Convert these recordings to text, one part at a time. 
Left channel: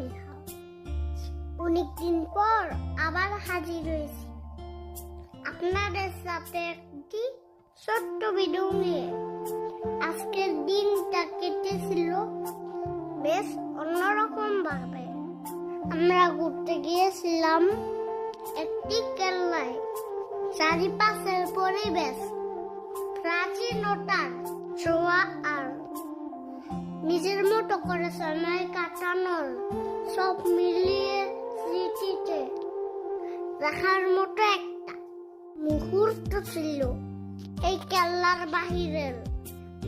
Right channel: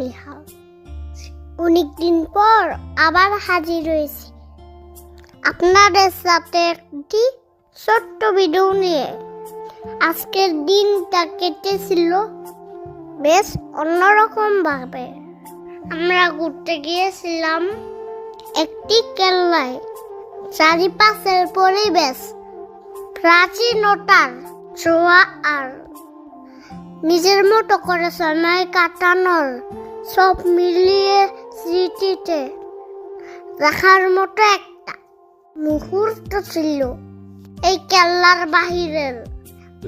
নিহাল। অনেকদিন পর আবার হাজির হয়েছি আপনাদের সাথে একটি ছোট্ট ভিডিও নিয়ে। আজকের দিনটা কেটেছিল বেশ অন্যরকম ভাবে। আমরা ঘুরতে গিয়েছিলাম একটি কেল্লায়। চারিপাশের পরিবেশ প্রাচীনতার ছোঁয়া আর নিজের মতো করে সময় কাটানোর সব মিলিয়ে স্মৃতিতে রাখার মতো একটা মুহূর্ত ছিল। এই কেল্লার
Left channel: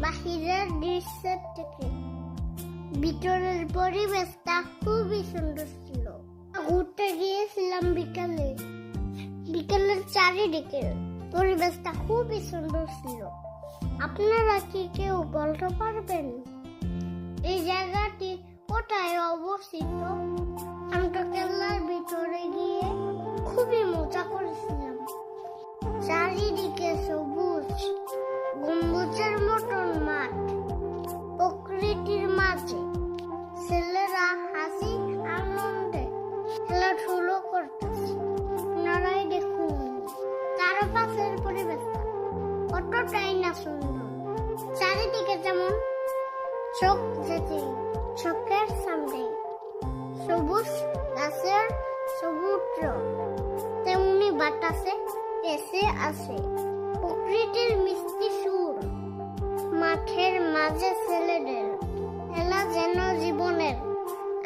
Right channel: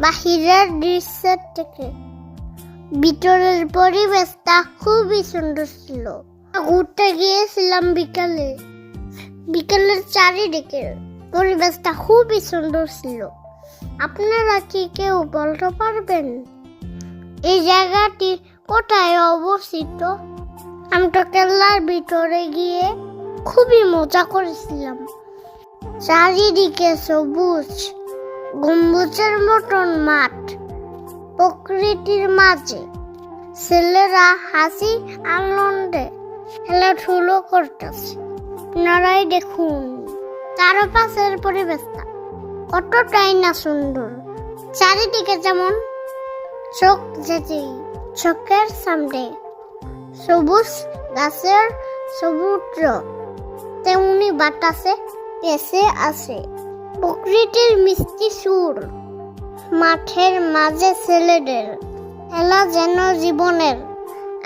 বাহিরের দৃশ্যের থেকে ভিতরের পরিবেশটা খুবই সুন্দর ছিল। ঘুরতে গিয়েছিলাম বিকালের চারিদিকে পরিবেশটা খুবই সুন্দর ছিল। আপনারা কি কেউ বলতে পারবেন এই জায়গাটি কোথায় অবস্থিত? আমি তো কেল্লার ভিতরে গিয়ে খুবই মজা করেছিলাম। চারিদিকে সবুজ গম্বুজের মতন মাঠ, প্রকৃতির মাঝে ছেলেরা হাসি আনন্দে খেলাধুলো করতেছে। আপনারাই দেখুন চারপাশের পরিবেশটা কতটাই না সুন্দর। চারিদিকে যেমন চোখের সামনে সবুজ গাছের সমুদ্র, তেমনি বাতাসে ভেসে আসে প্রকৃতির মিষ্টি সুর। মাঠের মাঝে ছেলেদের খেলা যেন জীবনের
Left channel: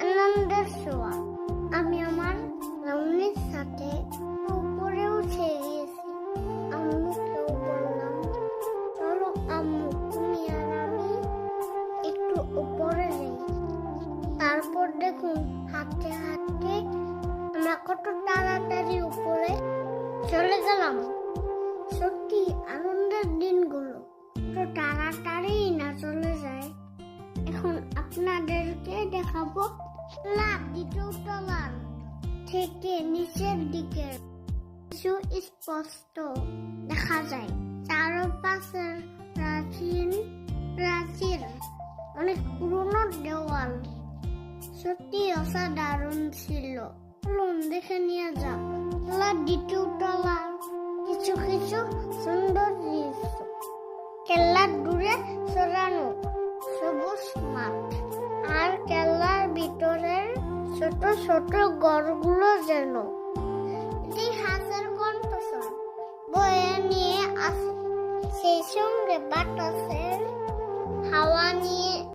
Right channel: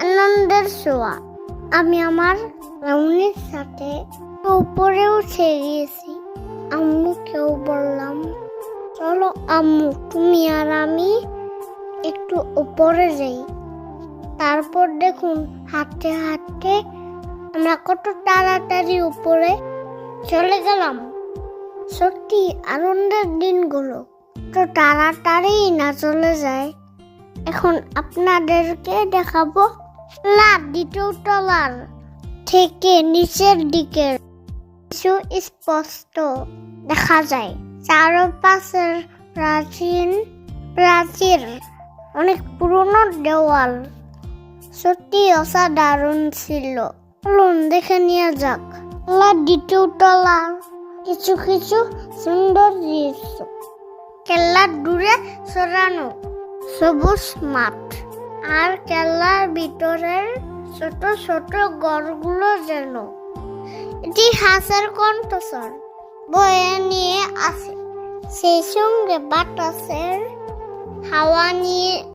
আনন্দের ছোঁয়া। আমি আমার রাউনির সাথে উপরে উঠে গিয়েছি। আম্মুকেও বললাম, চলো আম্মু তুমি আর আমি একটু উপরে যাই। তারপর দেখুন হাঁটতে হাঁটতে আমরা কত তাড়াতাড়ি উপরে চলে গেলাম। সত্যি আনন্দের দিনগুলো তো তাড়াতাড়ি না চলে যায়। এখন আপনাদেরকে দেখাবো দ্বিতীয় তলার থেকে নিচের দিকে কিছু স্পষ্ট দেখা যায়। চারপাশের প্রাচীর অনেক পুরনো দেওয়াল সত্যি অসাধারণ ছিল। চলুন দেখে নিয়ে যাক দ্বিতীয় তলা কিছু সুন্দর দৃশ্য। কেল্লার দূরে সরানো সবুজ মাঠ আর কেল্লার ভিতরের ছোট ছোট ঘরগুলো যেন ইতিহাসের কণ্ঠস্বর বয়ে নিয়ে আসে। সেই সঙ্গে বাতাসের হাওয়া নিয়ে